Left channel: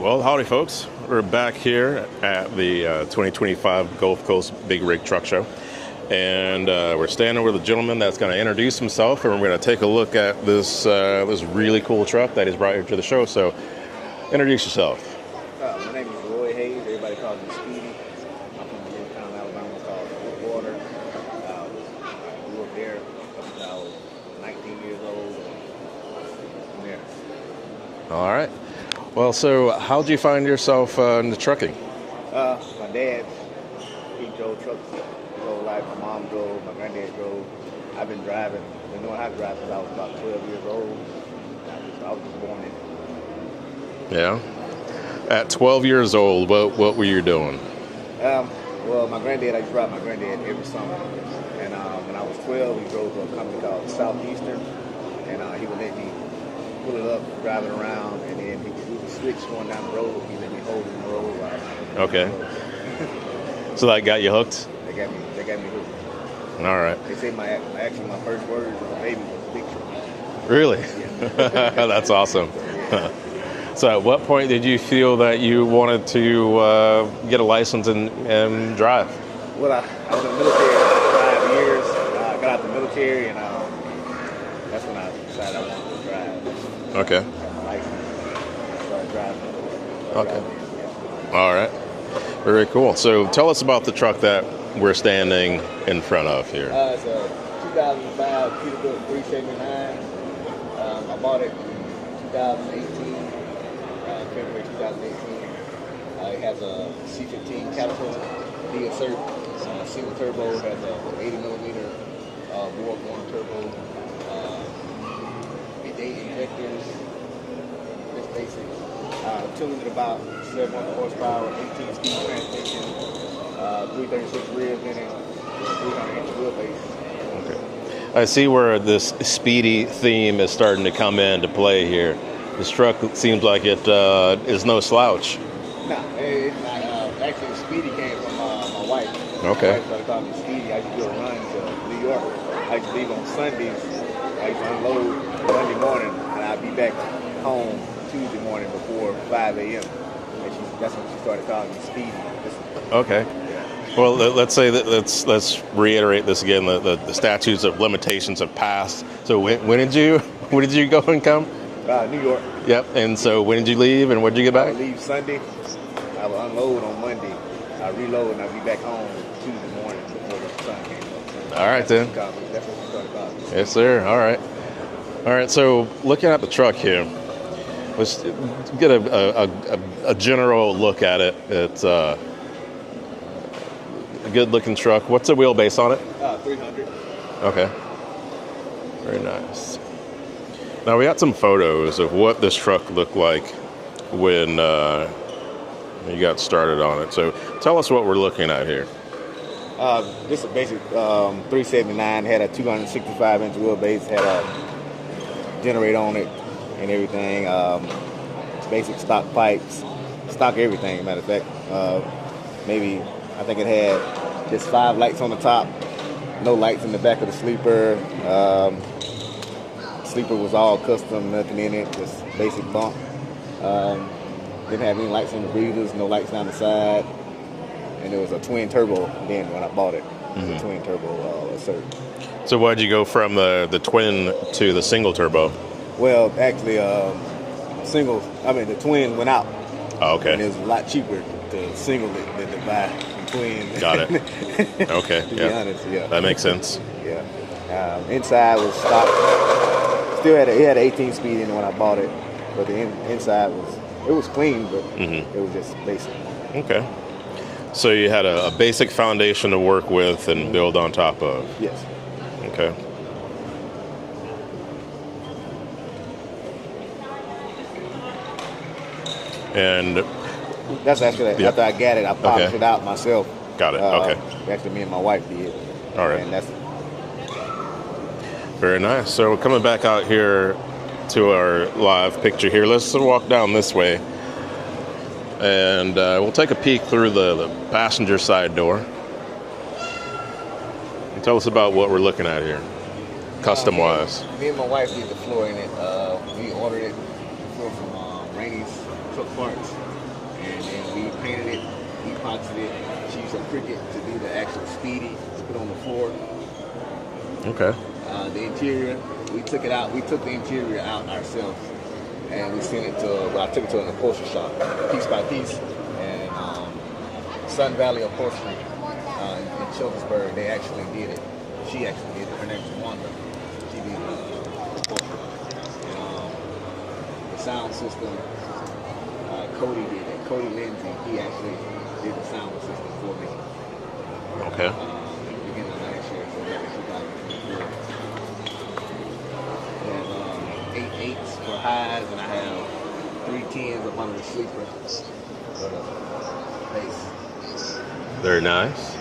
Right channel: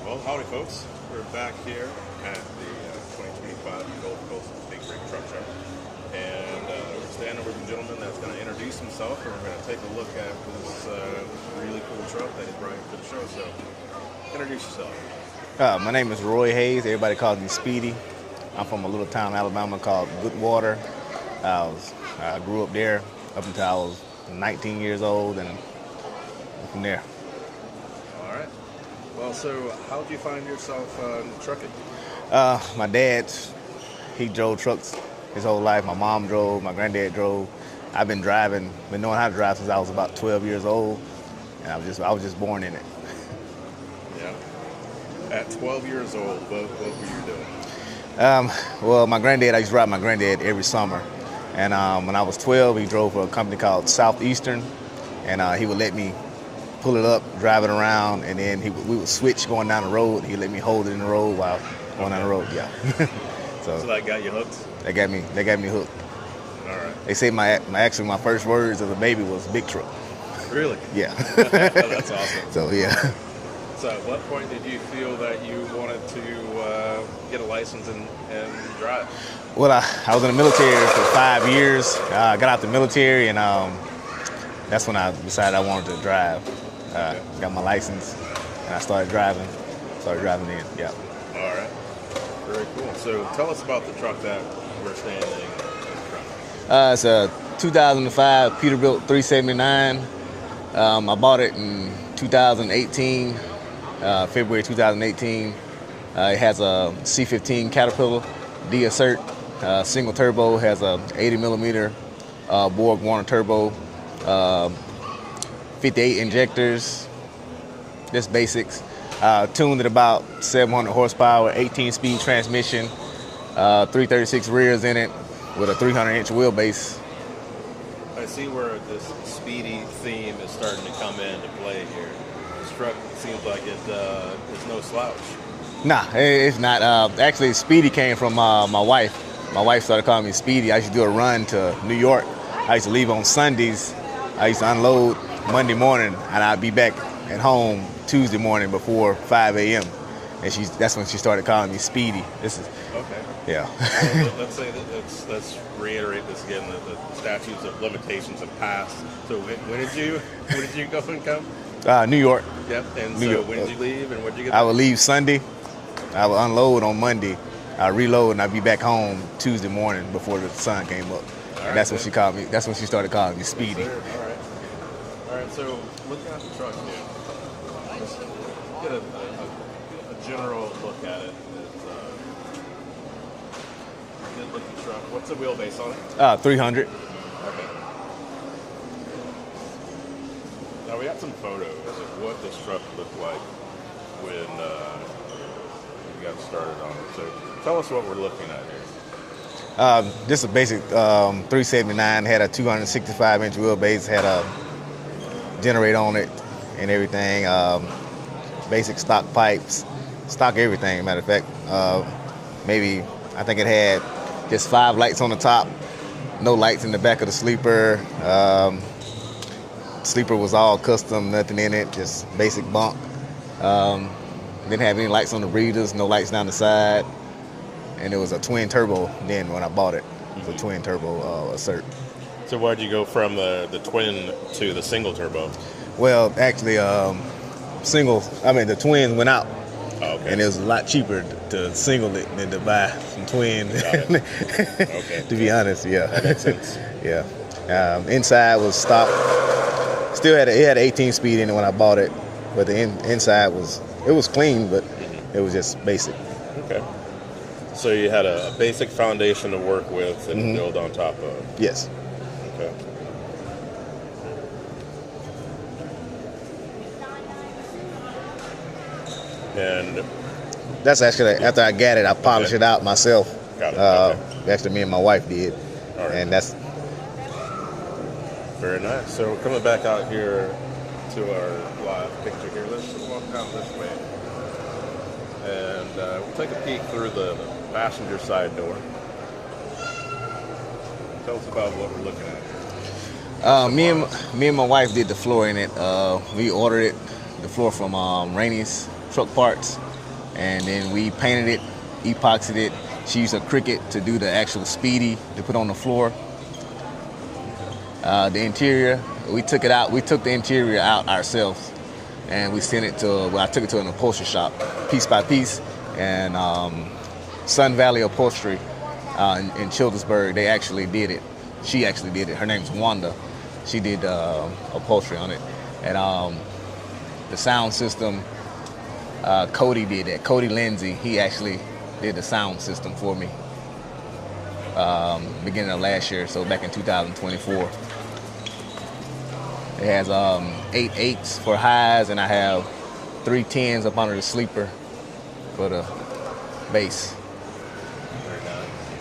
Well, howdy, folks. We're back here at the 2025 Gulf Coast Big Rig Truck Show. And we're standing with a gentleman that's going to introduce himself, and we're going to take a look at this really cool truck that he's brought here to the show. So, introduce yourself. My name is Roy Hayes. Everybody calls me Speedy. I'm from a little town in Alabama called Goodwater. I grew up there up until I was 19 years old, and from there. All right. Well, so how'd you find yourself into trucking? My dad, he drove trucks his whole life. My mom drove, my granddad drove. I've been knowing how to drive since I was about 12 years old, and I was just born in it. Yeah. At 12 years old, what were you doing? Well, my granddad, I used to ride my granddad every summer. And when I was 12, he drove for a company called Southeastern, and he would let me pull it up, drive it around, and then we would switch going down the road. He'd let me hold it in the road while on the road. Yeah. So that got you hooked? They got me hooked. All right. They say my first words as a baby was big truck. Really? Yeah. That's awesome. So yeah. So at what point did you feel that you wanted to get a license and drive? Well, I was in the military for 5 years. I got out the military, and that's when I decided I wanted to drive. Okay. Got my license, and I started driving. Driving in, yeah. All right. Very cool. So tell us about the truck that we're standing in front of here. It's a 2005 Peterbilt 379. I bought it in 2018, February 2018. It has a C15 Caterpillar D-Assert. Single turbo, has a 80 millimeter Borg Warner turbo, 58 injectors, just basics. Tuned at about 700 horsepower, 18-speed transmission, 336 rears in it with a 300-inch wheelbase. Okay. I see where this Speedy theme is starting to come into play here. This truck seems like it is no slouch. Nah, it's not. Actually, Speedy came from my wife. Okay. My wife started calling me Speedy. I used to do a run to New York. I used to leave on Sundays. I used to unload Monday morning, and I'd be back at home Tuesday morning before 5 a.m. And that's when she started calling me Speedy. Okay. Yeah. Well, let's say that let's reiterate this again. The statutes of limitations have passed. So when did you go and come? New York. Yep. And so when did you leave, and when did you get back? I would leave Sunday. I would unload on Monday. I reload, and I'd be back home Tuesday morning before the sun came up. All right. That's when she called me. That's when she started calling me Speedy. Yes, sir. All right. All right. So looking at the truck here, let's get a general look at it. It's a good-looking truck. What's the wheelbase on it? 300. Okay. Very nice. Now we got some photos of what this truck looked like when you got started on it. So tell us what we're looking at here. Just a basic 379, had a 265-inch wheelbase, had a generator on it and everything. Basic stock pipes, stock everything, matter of fact. I think it had just 5 lights on the top, no lights in the back of the sleeper. Sleeper was all custom, nothing in it, just basic bunk. Didn't have any lights on the breathers, no lights down the side. And it was a twin turbo then when I bought it. It was a twin turbo Assert. So why did you go from the twin to the single turbo? Well, actually, the twin went out. Oh, okay. And it was a lot cheaper to single it than to buy some twin. Got it. Okay. To be honest, yeah. That makes sense. Yeah. Inside was stock. Still had it had an 18-speed in it when I bought it, but the inside was clean, but it was just basic. Okay. So you had a basic foundation to work with and build on top of. Yes. Okay. And that's actually after I got it, I polished it out myself. Got it. Okay. Actually, me and my wife did. All right. And that's very nice. So we're coming back out here to our live picture here. Let's walk down this way, and we'll take a peek through the passenger side door. Tell us about what we're looking at here. Custom-wise. Me and my wife did the floor in it. We ordered it. The floor from Rainey's Truck Parts, and then we painted it, epoxied it. She used a Cricut to do the actual Speedy to put on the floor. Okay. The interior, we took it out. We took the interior out ourselves, and we sent it to. Well, I took it to an upholstery shop, piece by piece, and Sun Valley Upholstery in Childersburg. They actually did it. She actually did it. Her name's Wanda. She did upholstery on it, and the sound system. Cody did that. Cody Lindsay. He actually did the sound system for me. Okay. Beginning of last year, so back in 2024. It has 8 8s for highs, and I have 3 10s up under the sleeper for the bass. Very nice.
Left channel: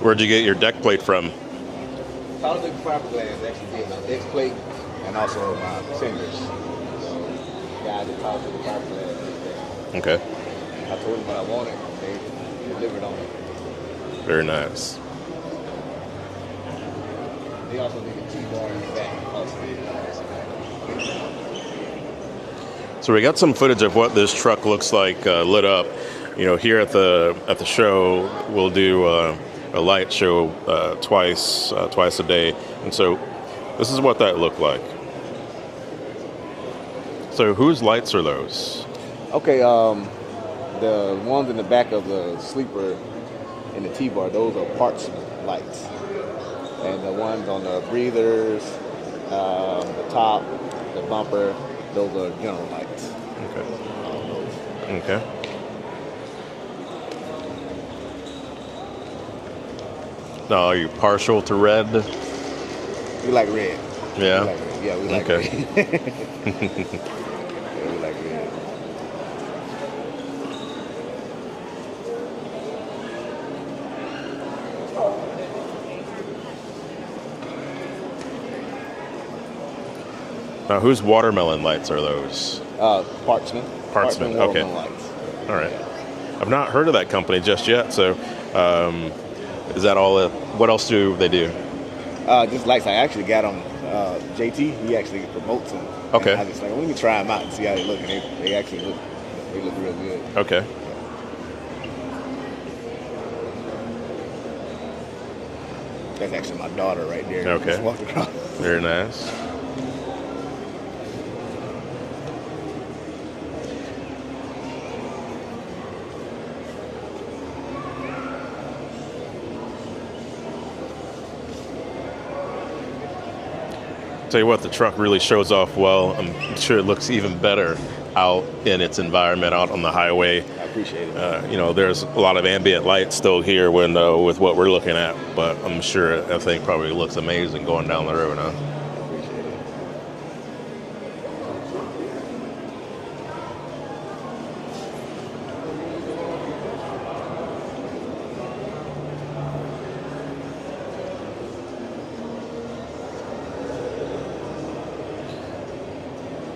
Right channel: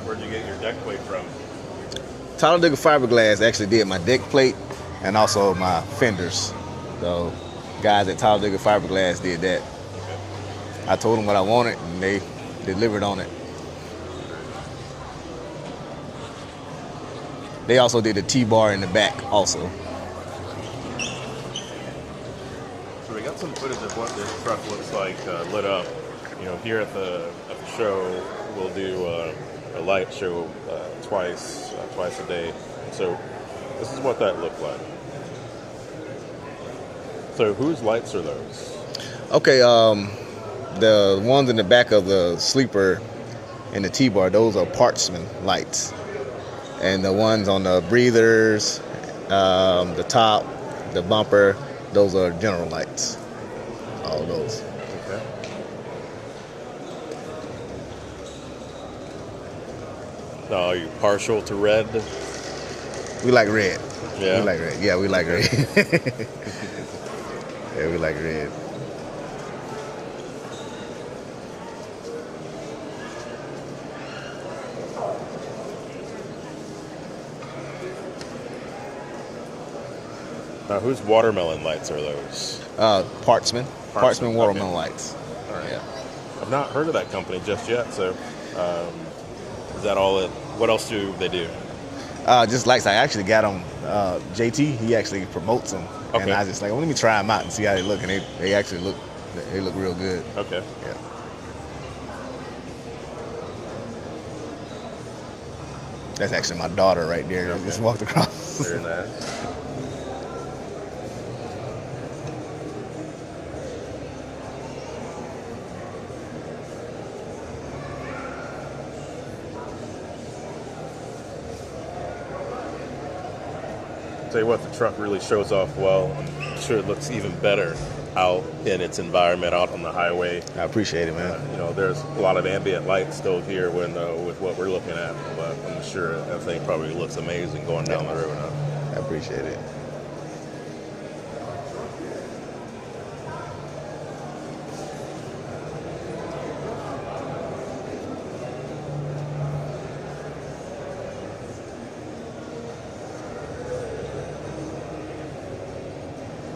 Where'd you get your deck plate from? Talladega Fiberglass actually did my deck plate and also my fenders. So guys at Talladega Fiberglass did that. Okay. I told them what I wanted, and they delivered on it. Very nice. They also did the T-bar in the back also. So we got some footage of what this truck looks like lit up. You know, here at the show, we'll do a light show twice a day, and so this is what that looked like. So whose lights are those? Okay, the ones in the back of the sleeper and the T-bar, those are Partsman lights, and the ones on the breathers, the top, the bumper, those are General lights. Okay. All those. Okay. Now, are you partial to red? We like red. Yeah. We like red. Yeah, we like okay. red. Yeah, we like red. Now, whose watermelon lights are those? Partsman. Partsman watermelon okay. lights. All right. I've not heard of that company just yet, so is that all? What else do they do? Just lights. I actually got them. JT, he actually promotes them. Okay. And I just like, well, let me try them out and see how they look. And they actually look real good. Okay. Yeah. That's actually my daughter right there. Okay. Just walked across. Very nice. Tell you what, the truck really shows off well. I'm sure it looks even better out in its environment, out on the highway. I appreciate it, man. You know, there's a lot of ambient light still here with what we're looking at, but I'm sure that thing probably looks amazing going down the road now. I appreciate it.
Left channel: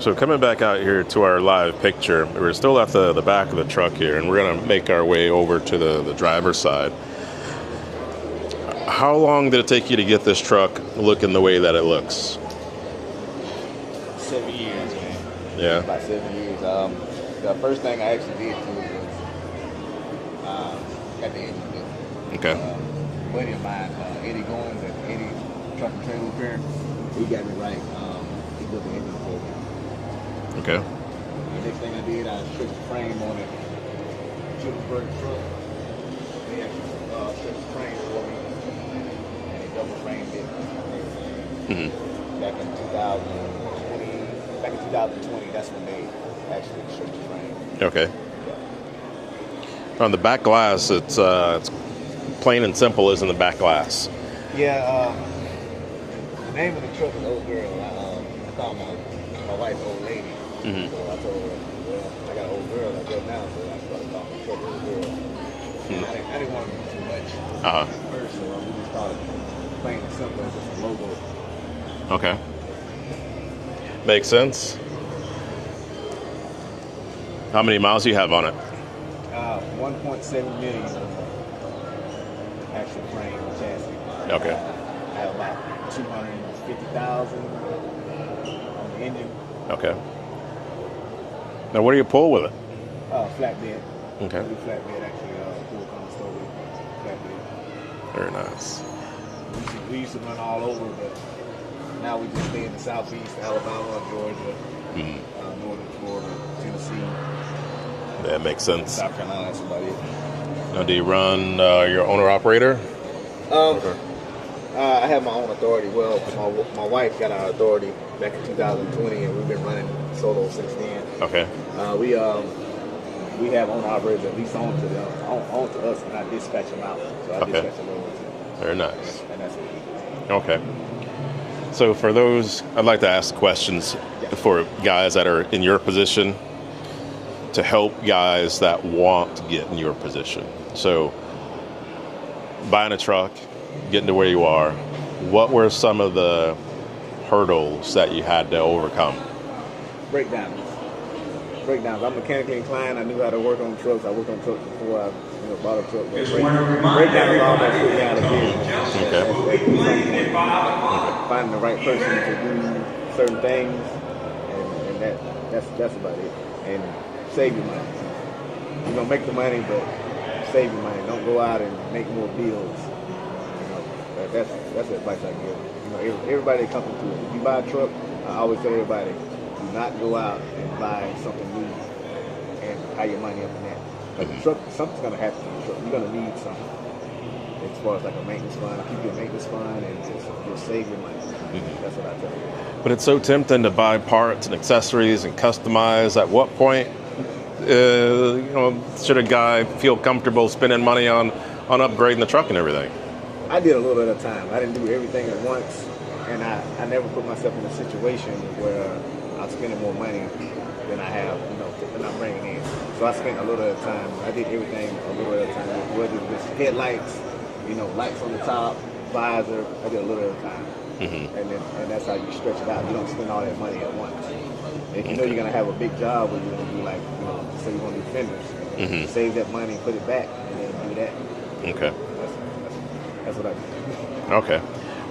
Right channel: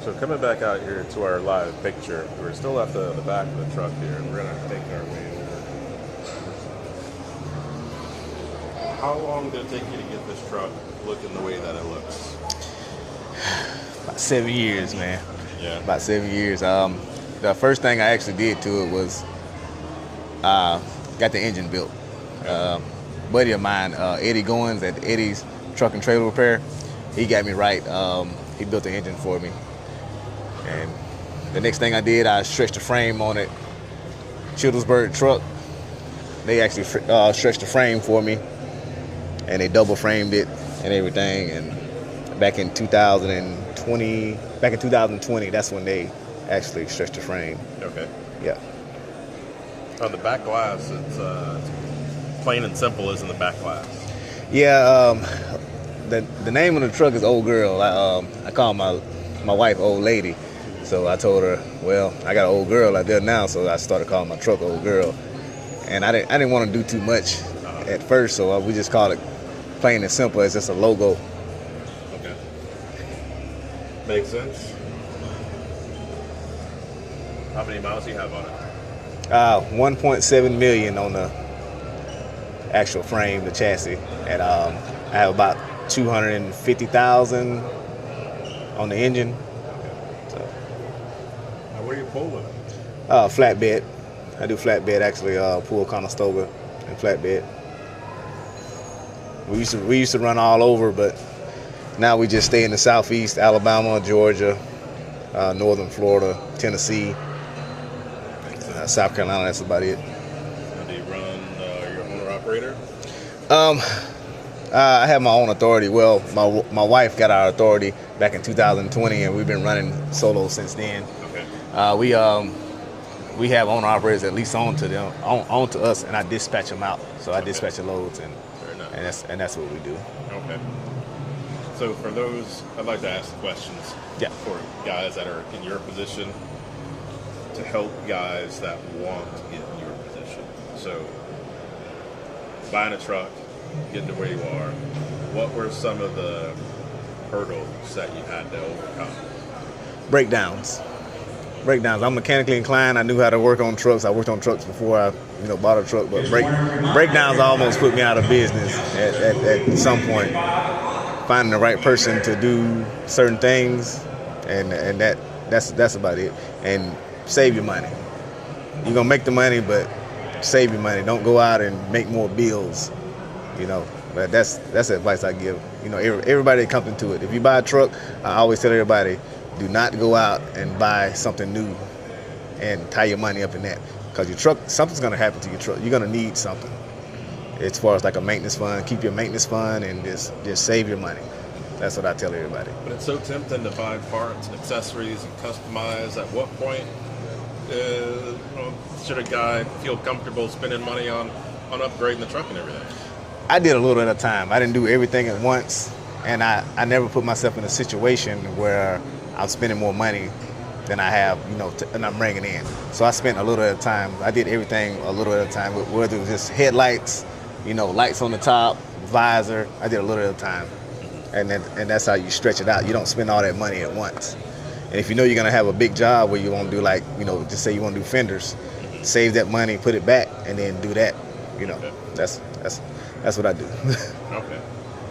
So coming back out here to our live picture, we're still at the back of the truck here, and we're going to make our way over to the driver's side. How long did it take you to get this truck looking the way that it looks? About 7 years, man. Yeah. About 7 years. The first thing I actually did to it was got the engine built. Okay. Buddy of mine, Eddie Goins at Eddie's Truck and Trailer Repair, he got me right. He built the engine for me. Okay. And the next thing I did, I stretched the frame on it. Childersburg truck, they actually stretched the frame for me, and they double framed it and everything. And back in 2020, that's when they actually stretched the frame. Okay. Yeah. On the back glass, it's plain and simple, isn't the back glass? Yeah. The name of the truck is Old Girl. I call my wife Old Lady. Mm-hmm. So I told her, well, I got an old girl out there now, so I started calling my truck Old Girl. And I didn't want to do too much at first, so we just called it plain and simple. It's just a logo. Okay. Makes sense. How many miles do you have on it? 1.7 million on the actual frame, the chassis, and Okay. I have about 250,000 on the engine. Okay. Now, what do you pull with it? Flatbed. Okay. I do flatbed actually. Pull Conestoga and flatbed. Very nice. We used to run all over, but now we just stay in the southeast: Alabama, Georgia, northern Florida, Tennessee, That makes sense. South Carolina. That's about it. Now, do you run your owner operator? I have my own authority. Well, my wife got our authority back in 2020, and we've been running solo since then. Okay. We have owner operators that lease on to them, on to us, and I dispatch them out. So I Okay. dispatch the loads, Very nice. and that's what we do. Okay. So for those, I'd like to ask questions Yeah. for guys that are in your position to help guys that want to get in your position. So buying a truck, getting to where you are, what were some of the hurdles that you had to overcome? Breakdowns. I'm mechanically inclined. I knew how to work on trucks. I worked on trucks before I, bought a truck. But breakdowns almost put me out of business at some point. Finding the right person to do certain things, and that's about it. And save your money. You're gonna make the money, but save your money. Don't go out and make more bills. But that's the advice I give. Everybody that comes into it. If you buy a truck, I always tell everybody, do not go out and buy something new and tie your money up in that. Because your truck, something's going to happen to your truck. You're going to need something. As far as like a maintenance fund, keep your maintenance fund and just save your money. That's what I tell everybody. But it's so tempting to buy parts and accessories and customize. At what point, should a guy feel comfortable spending money on upgrading the truck and everything? I did a little at a time. I didn't do everything at once, and I never put myself in a situation where I'm spending more money than I have, and I'm bringing in. So I spent a little at a time. I did everything a little at a time, whether it was just headlights, lights on the top, visor. I did a little at a time, and that's how you stretch it out. You don't spend all that money at once. And if you know you're gonna have a big job where you want to do just say you want to do fenders, save that money, put it back, and then do that. Okay. That's what I do. Okay.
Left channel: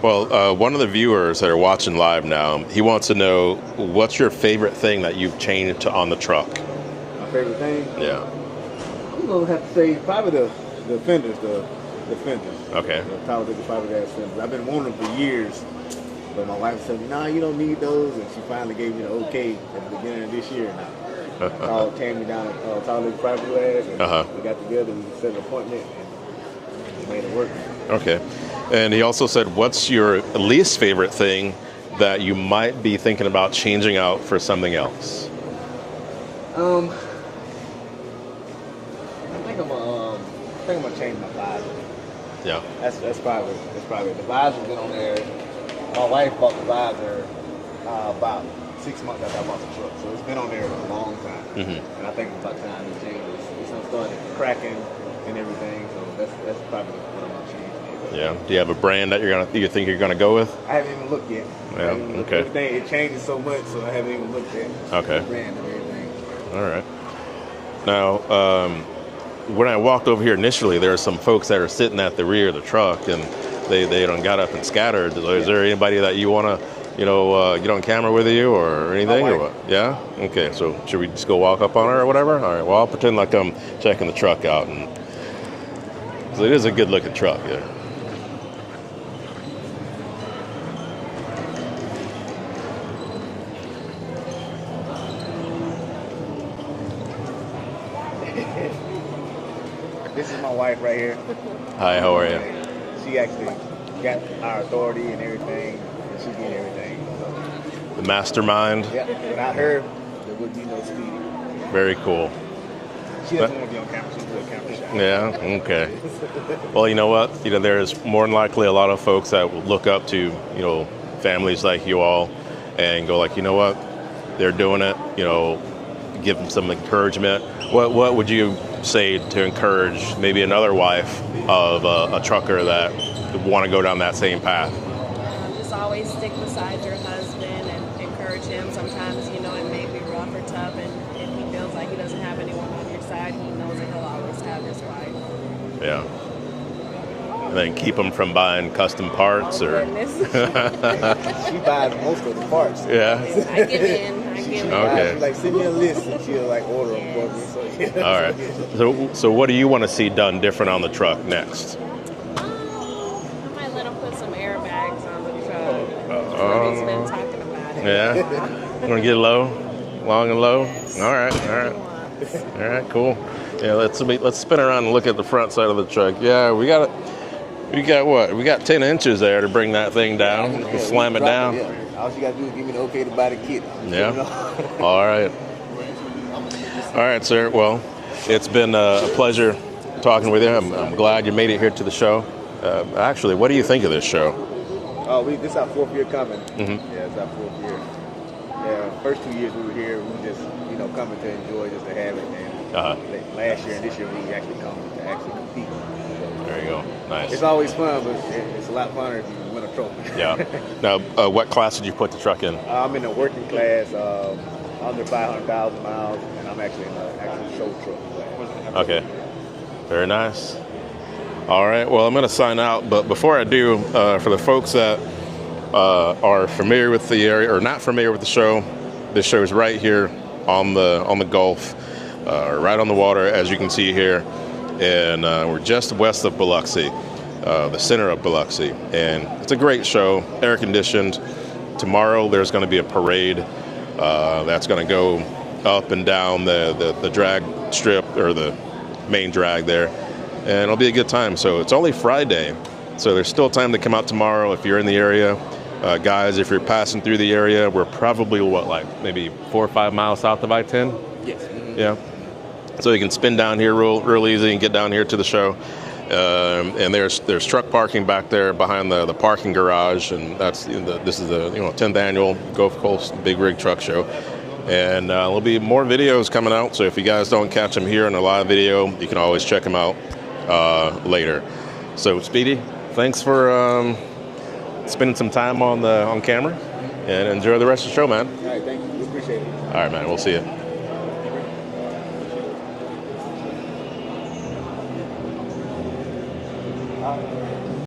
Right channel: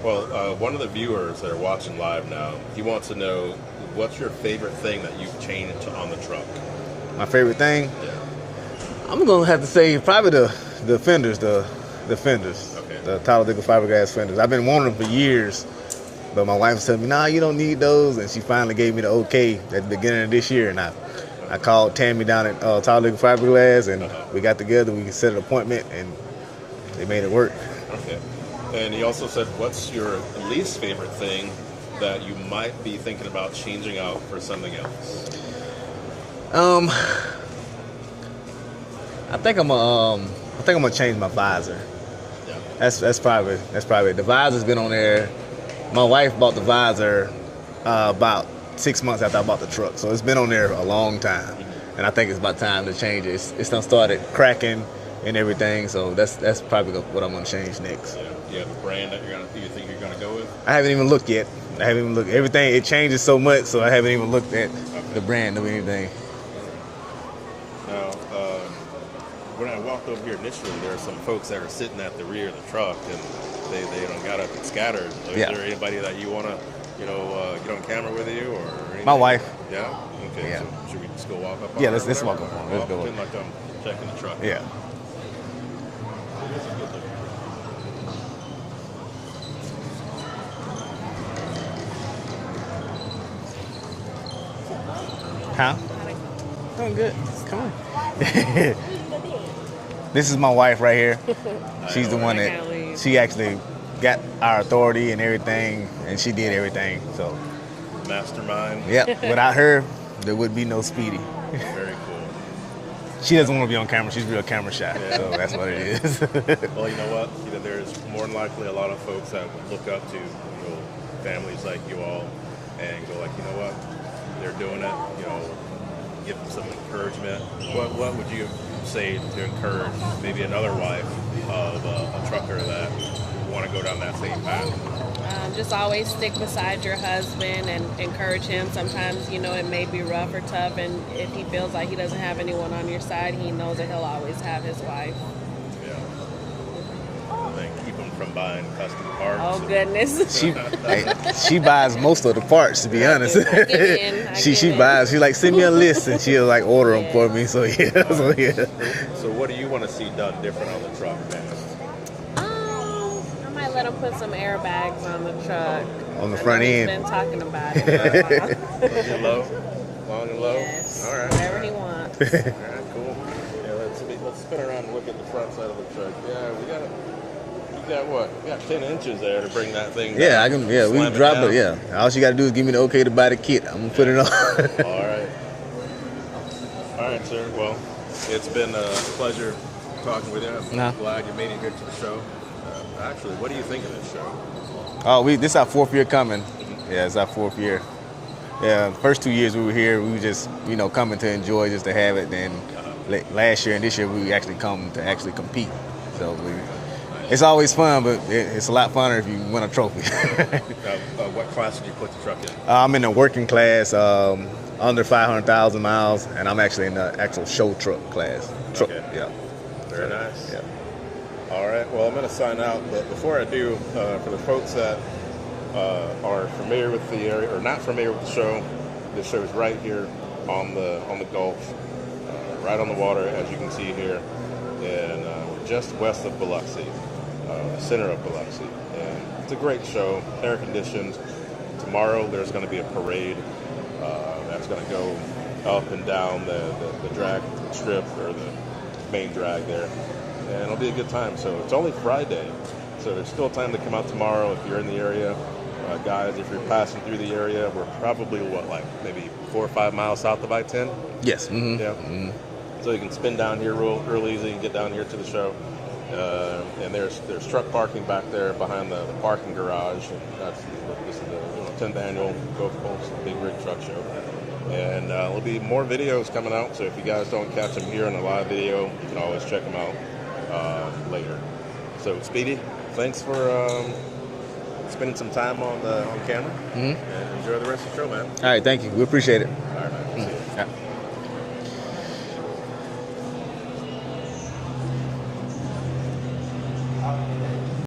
Well, one of the viewers that are watching live now, he wants to know, what's your favorite thing that you've changed on the truck? My favorite thing? Yeah. I'm gonna have to say probably the fenders, the fenders. Okay. The Talladega fiberglass fenders. I've been wanting them for years, but my wife said, "Nah, you don't need those," and she finally gave me the okay at the beginning of this year, and I called Tammy down at Talladega Fiberglass, and we got together. We set an appointment, and they made it work. Okay. And he also said, what's your least favorite thing that you might be thinking about changing out for something else? I think I'm gonna change my visor. Yeah. That's probably it. The visor's been on there. My wife bought the visor about 6 months after I bought the truck, so it's been on there a long time. And I think it's about time to change it. It's done started cracking and everything, so that's probably what I'm gonna change next. Yeah. Do you have a brand that you think you're gonna go with? I haven't even looked yet. I haven't even looked. Okay. Everything, it changes so much, so I haven't even looked at Okay. the brand of anything. All right. Now, when I walked over here initially, there were some folks that are sitting at the rear of the truck, and they done got up and scattered. Is there anybody that you want to, get on camera with you or anything? My wife. Yeah? Okay, Yeah. so should we just go walk up on her or let's whatever? walk up. All right, well, I'll pretend like I'm checking the truck Yeah. out. And, 'cause it is a good-looking truck, yeah. Huh? Doing good. Come on. This is my wife right here. Hi, She's how the are one you? that she actually got our authority and everything, and she did everything. So, The mastermind? yep. Without her, there would be no Speedy. Very cool. She doesn't want to be on camera. She's real camera shy. Yeah, So that's okay. what it is. Well, you know what? There's more than likely a lot of folks that will look up to, families like you all and go like, you know what? They're doing it, give them some encouragement. What would you say to encourage maybe another wife of a trucker that would want to go down that same path? just always stick beside your husband and encourage him. Sometimes, you know, it may be rough or tough, and if he feels like he doesn't have anyone on your side, he knows that he'll always have his wife. Yeah. Then keep them from buying custom parts, Oh, or goodness. She buys most of the parts, to be honest. I give in. She buys. She like send me a list and she'll like order them for me. So yeah. All So, right. yeah. So what do you want to see done different on the truck next? I might let him put some airbags on the truck. On the front He's end. been talking about it. Yeah. Want to get low, long and low? All right. All Whatever he right. wants. All right. Cool. Yeah. Let's spin around and look at the front side of the truck. Yeah. We got what? We got 10 inches there to bring that thing down. Yeah, I can. Yeah, Slam we it can drop down. it. Yeah. All you got to do is give me the okay to buy the kit. I'm gonna put it on. All right. All right, sir. Well, it's been a pleasure talking with you. I'm glad you made it here to the show. Actually, what do you think of this show? Oh, this is our 4th year coming. Mm-hmm. Yeah, it's our 4th year. Yeah, first 2 years we were here, we were just, you know, coming to enjoy, just to have it. And last year and this year we actually come to actually compete. So There you go. Nice. it's always fun, but it's a lot funner if you win a trophy. Yeah. Now, what class did you put the truck in? I'm in the working class, under 500,000 miles, and I'm actually in the actual show truck class. Okay. Yeah. Very nice. All right. Well, I'm going to sign out, but before I do, for the folks that are familiar with the area or not familiar with the show, this show is right here on the Gulf, right on the water, as you can see here, and we're just west of Biloxi, the center of Biloxi, and it's a great show, air conditioned. Tomorrow there's going to be a parade that's going to go up and down the drag strip, or the main drag there, and it'll be a good time. So it's only Friday, so there's still time to come out tomorrow if you're in the area. Guys, if you're passing through the area, we're probably maybe 4 or 5 miles south of I-10. Yes. Mm-hmm. Yeah. So you can spin down here real easy and get down here to the show. And there's truck parking back there behind the parking garage, and this is the 10th annual Gulf Coast Big Rig Truck Show. And there'll be more videos coming out, so if you guys don't catch them here in a live video, you can always check them out later. So Speedy, thanks for spending some time on camera, and enjoy the rest of the show, man. All right, thank you. We appreciate it. All right, man. We'll see you.